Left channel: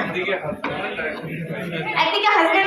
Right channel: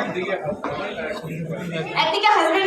একদিকে হাসবে